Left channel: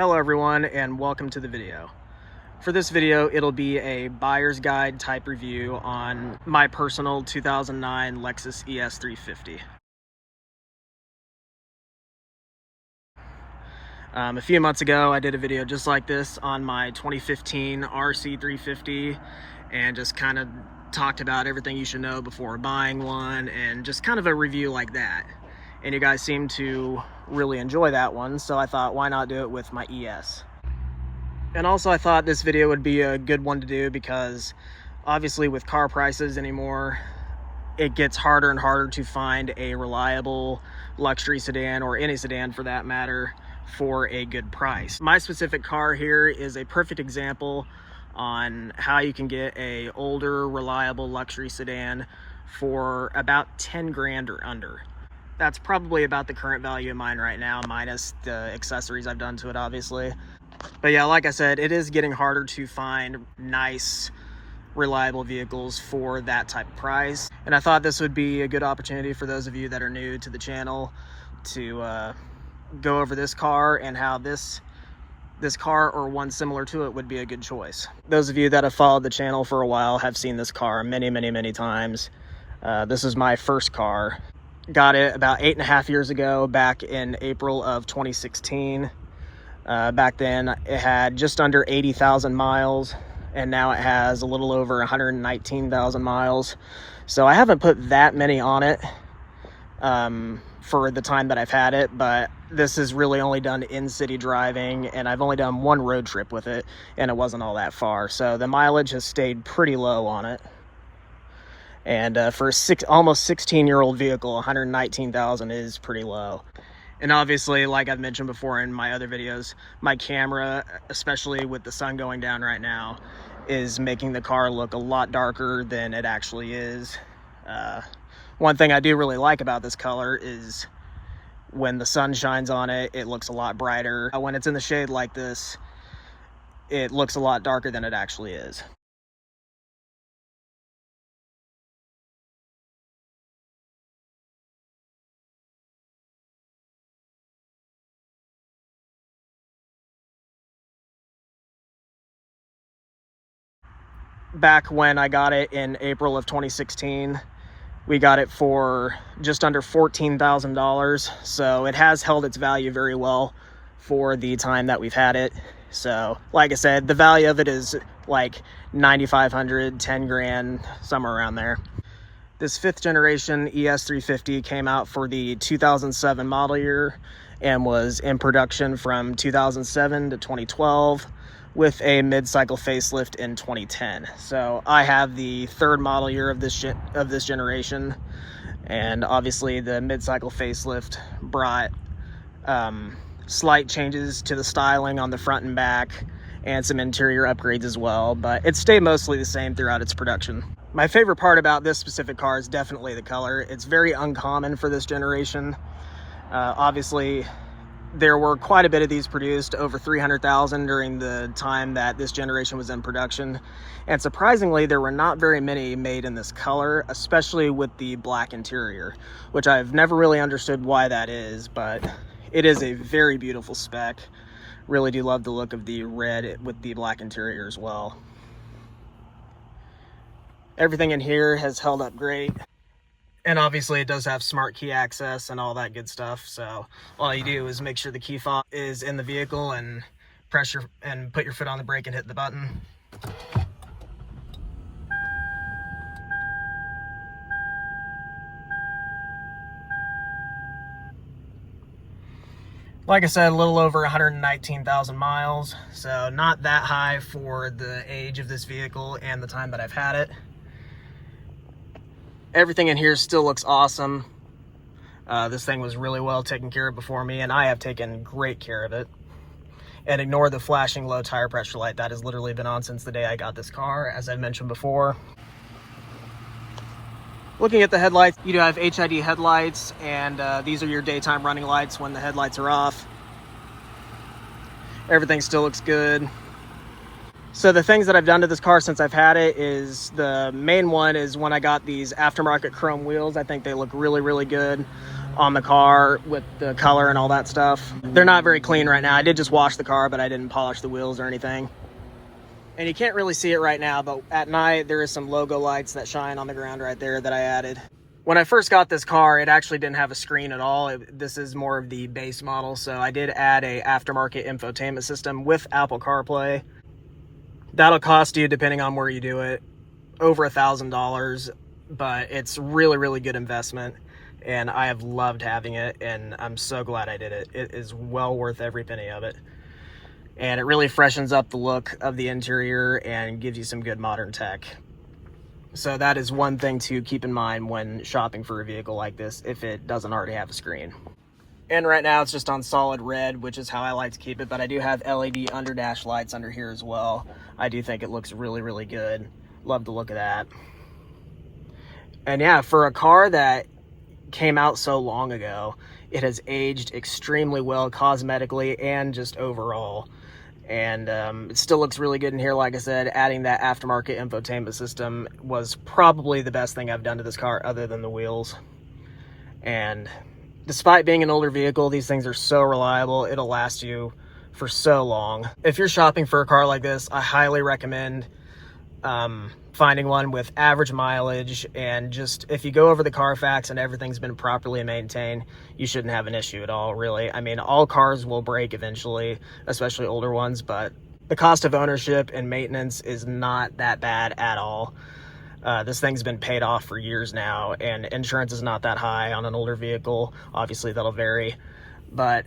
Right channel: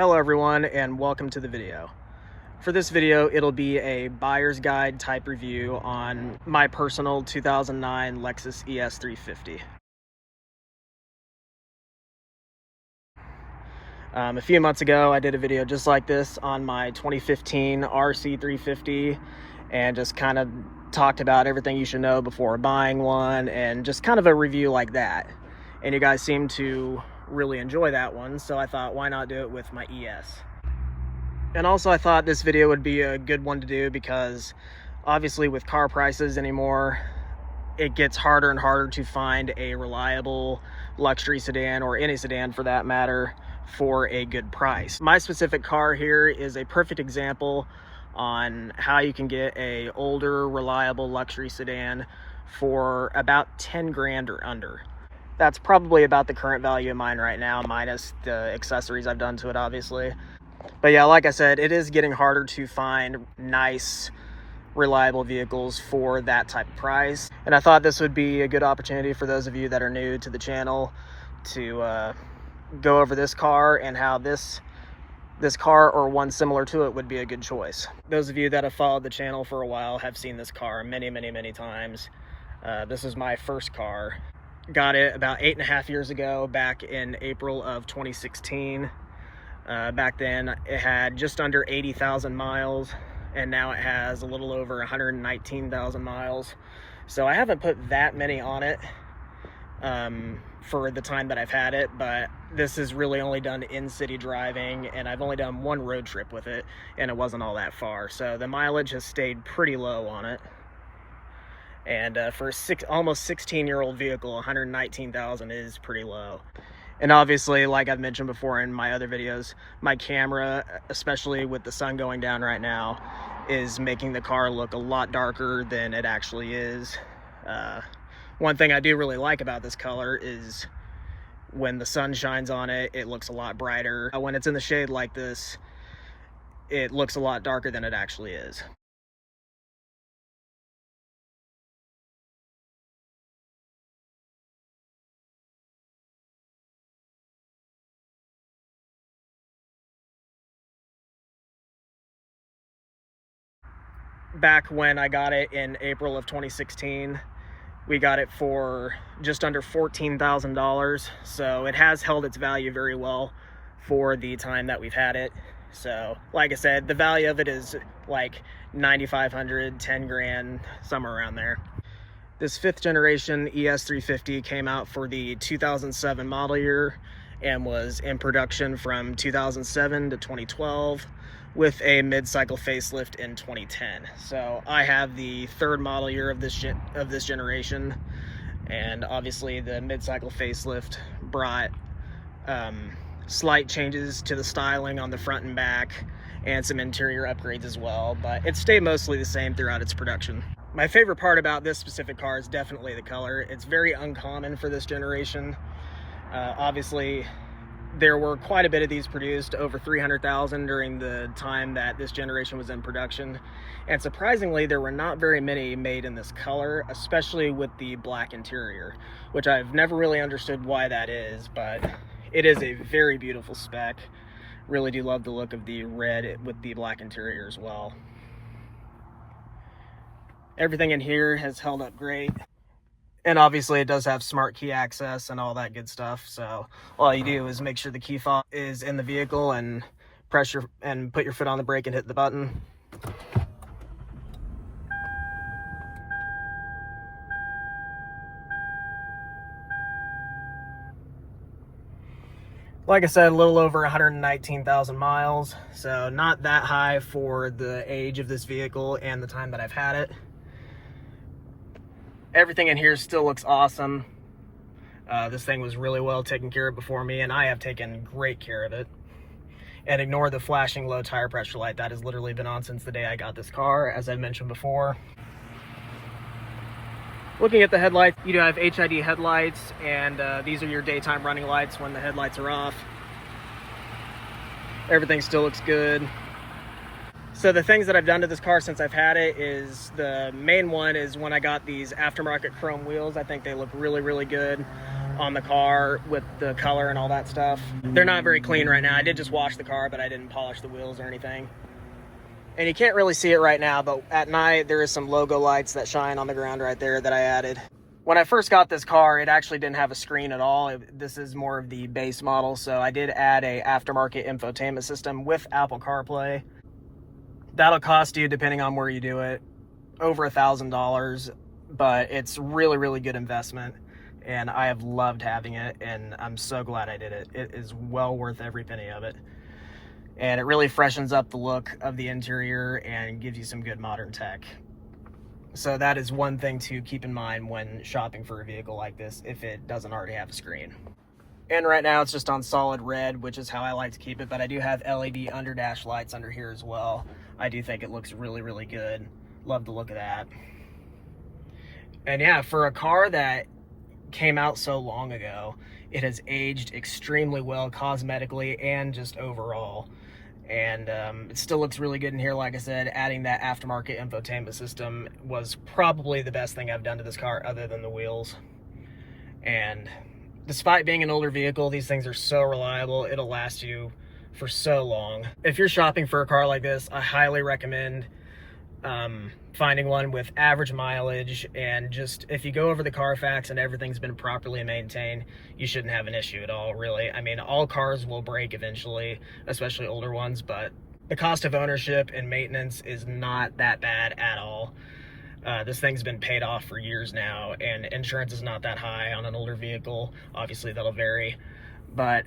Hello everyone and welcome to the video. For this video, it'll be a buyer's guide type review on my personal 2009 Lexus ES350. A few months ago, I did a video just like this on my 2015 RC350 and just kind of talked about everything you should know before buying one and just kind of a review like that. And you guys seem to really enjoy that one, so I thought, why not do it with my ES? And also I thought this video would be a good one to do because obviously with car prices anymore, it gets harder and harder to find a reliable luxury sedan, or any sedan for that matter, for a good price. My specific car here is a perfect example on how you can get a older, reliable luxury sedan for about 10 grand or under. That's probably about the current value of mine right now, minus the accessories I've done to it, obviously. But yeah, like I said, it is getting harder to find nice, reliable vehicles for that type of price. And I thought this would be a good opportunity for those of you that are new to the channel to go over this car and how this car or one similar to it would be a good choice. Those of you that have followed the channel for a while have seen this car many times. This is my first car. Got it about 8.5 years ago, back in April of 2016. Back then it had just under 80,000 miles, and now it has a little over 119,000 miles. So I haven't put that many on it for the time that I've had it, but this is really only done in-city driving, and I've only done one road trip with it, and it wasn't all that far. So the mileage has stayed pretty low on it. And for a almost 16-year-old vehicle, 119,000 is pretty low. And obviously, like I've mentioned before in my other videos, my camera, especially with the sun going down right now, is making the car look a lot darker than it actually is. One thing I do really like about this color is when the sun shines on it, it looks a lot brighter. When it's in the shade like this, it looks a lot darker than it actually is. Back when I got it in April of 2016, we got it for just under $14,000. So it has held its value very well for the time that we've had it. So like I said, the value of it is like 9,500, 10 grand, somewhere around there. This 5th generation ES350 came out for the 2007 model year and was in production from 2007 to 2012. With a mid-cycle facelift in 2010. So I have the 3rd model year of this generation, and obviously the mid-cycle facelift brought slight changes to the styling on the front and back, and some interior upgrades as well, but it stayed mostly the same throughout its production. My favorite part about this specific car is definitely the color. It's very uncommon for this generation. Obviously, there were quite a bit of these produced, over 300,000 during the time that this generation was in production. And surprisingly, there were not very many made in this color, especially with the black interior, which I've never really understood why that is, but it is a very beautiful spec. Really do love the look of the red with the black interior as well. Everything in here has held up great. And obviously it does have smart key access and all that good stuff. So all you do is make sure the key fob is in the vehicle and press and put your foot on the brake and hit the button. Like I said, a little over 119,000 miles. So not that high for the age of this vehicle and the time that I've had it. Everything in here still looks awesome. This thing was really well taken care of before me, and I have taken great care of it. And ignore the flashing low tire pressure light. That has literally been on since the day I got this car, as I've mentioned before. Looking at the headlights, you do have HID headlights, and these are your daytime running lights when the headlights are off. Everything still looks good. So the things that I've done to this car since I've had it is, the main one is when I got these aftermarket chrome wheels. I think they look really good on the car with the color and all that stuff. They're not very clean right now. I did just wash the car, but I didn't polish the wheels or anything. And you can't really see it right now, but at night there is some logo lights that shine on the ground right there that I added. When I first got this car, it actually didn't have a screen at all. This is more of the base model, so I did add a aftermarket infotainment system with Apple CarPlay. That'll cost you, depending on where you do it, over $1,000, but it's really, really good investment, and I have loved having it, and I'm so glad I did it. It is well worth every penny of it, and it really freshens up the look of the interior and gives you some good modern tech. So that is one thing to keep in mind when shopping for a vehicle like this, if it doesn't already have a screen. And right now it's just on solid red, which is how I like to keep it, but I do have LED underdash lights under here as well. I do think it looks really, really good. Love the look of that. And yeah, for a car that came out so long ago, it has aged extremely well cosmetically and just overall. And it still looks really good in here. Like I said, adding that aftermarket infotainment system was probably the best thing I've done to this car other than the wheels. And despite being an older vehicle, these things are so reliable. It'll last you for so long. If you're shopping for a car like this, I highly recommend finding one with average mileage, and just if you go over the Carfax and everything's been properly maintained, you shouldn't have an issue at all, really. I mean, all cars will break eventually, especially older ones, but the cost of ownership and maintenance is not that bad at all. This thing's been paid off for years now, and insurance is not that high on an older vehicle. Obviously that'll vary, but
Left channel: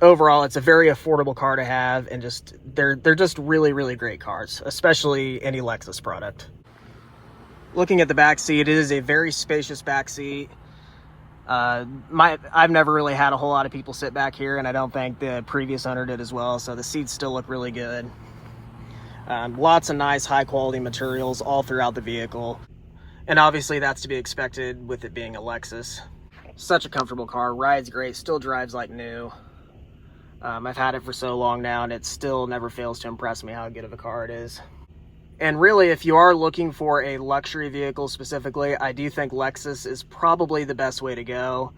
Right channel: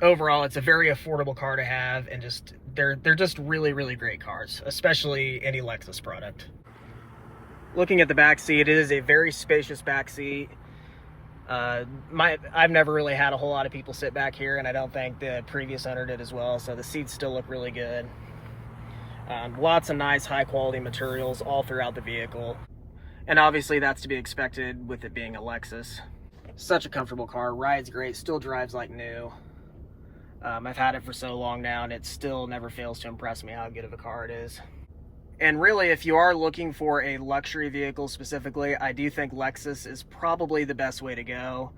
overall it's a very affordable car to have, and just they're just really, really great cars, especially any Lexus product. Looking at the back seat, it is a very spacious back seat. I've never really had a whole lot of people sit back here, and I don't think the previous owner did as well, so the seats still look really good. Lots of nice high quality materials all throughout the vehicle, and obviously that's to be expected with it being a Lexus. Such a comfortable car, rides great, still drives like new. I've had it for so long now, and it still never fails to impress me how good of a car it is. And really, if you are looking for a luxury vehicle specifically, I do think Lexus is probably the best way to go.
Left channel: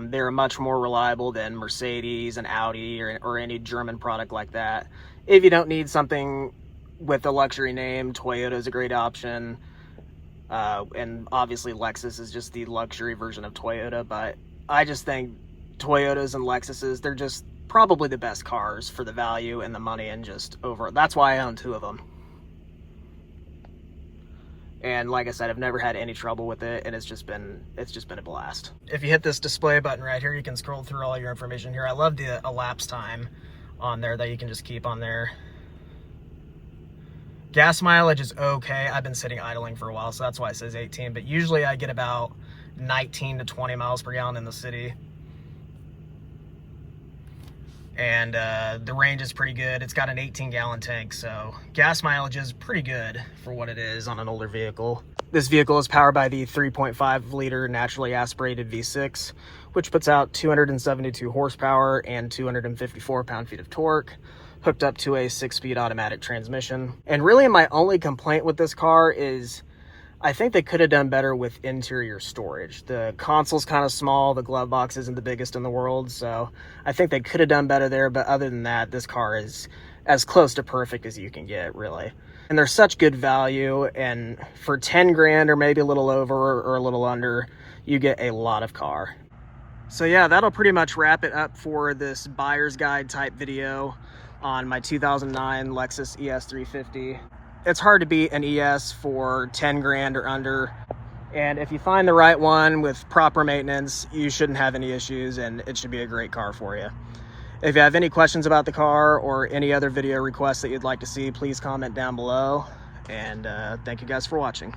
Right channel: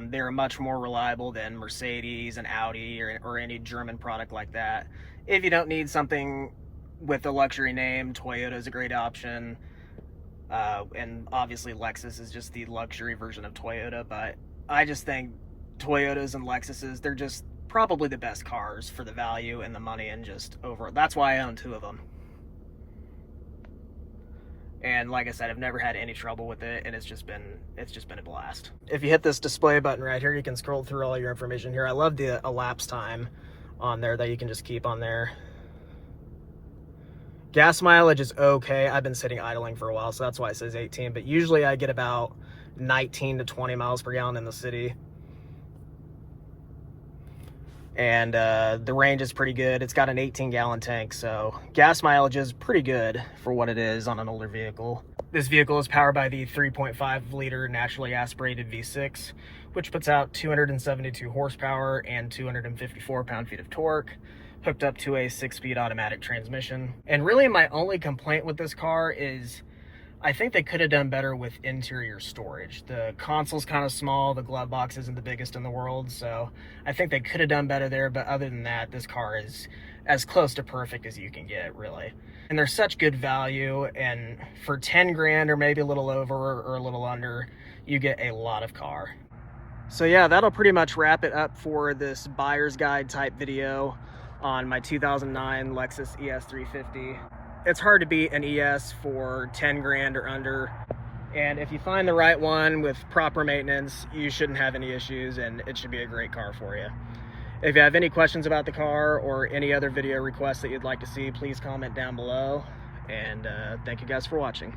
They're much more reliable than Mercedes and Audi or any German product like that. If you don't need something with a luxury name, Toyota is a great option. And obviously Lexus is just the luxury version of Toyota, but I just think Toyotas and Lexuses, they're just probably the best cars for the value and the money, and just over. That's why I own two of them. And like I said, I've never had any trouble with it, and it's just been a blast. If you hit this display button right here, you can scroll through all your information here. I love the elapsed time on there that you can just keep on there. Gas mileage is okay. I've been sitting idling for a while, so that's why it says 18, but usually I get about 19 to 20 miles per gallon in the city. And the range is pretty good. It's got an 18-gallon tank, so gas mileage is pretty good for what it is on an older vehicle. This vehicle is powered by the 3.5-liter naturally aspirated V6, which puts out 272 horsepower and 254 pound-feet of torque, hooked up to a 6-speed automatic transmission. And really my only complaint with this car is I think they could have done better with interior storage. The console's kind of small, the glove box isn't the biggest in the world, so I think they could have done better there, but other than that, this car is as close to perfect as you can get, really. And they're such good value, and for 10 grand or maybe a little over or a little under, you get a lot of car. So yeah, that'll pretty much wrap it up for this buyer's guide type video on my 2009 Lexus ES350. It's hard to beat an ES for 10 grand or under, and if you find the right one with proper maintenance, you shouldn't have any issues, and it should be a great car for you. If you have any questions about the car or any other video requests that you'd like to see, please comment down below, and thank you guys for watching.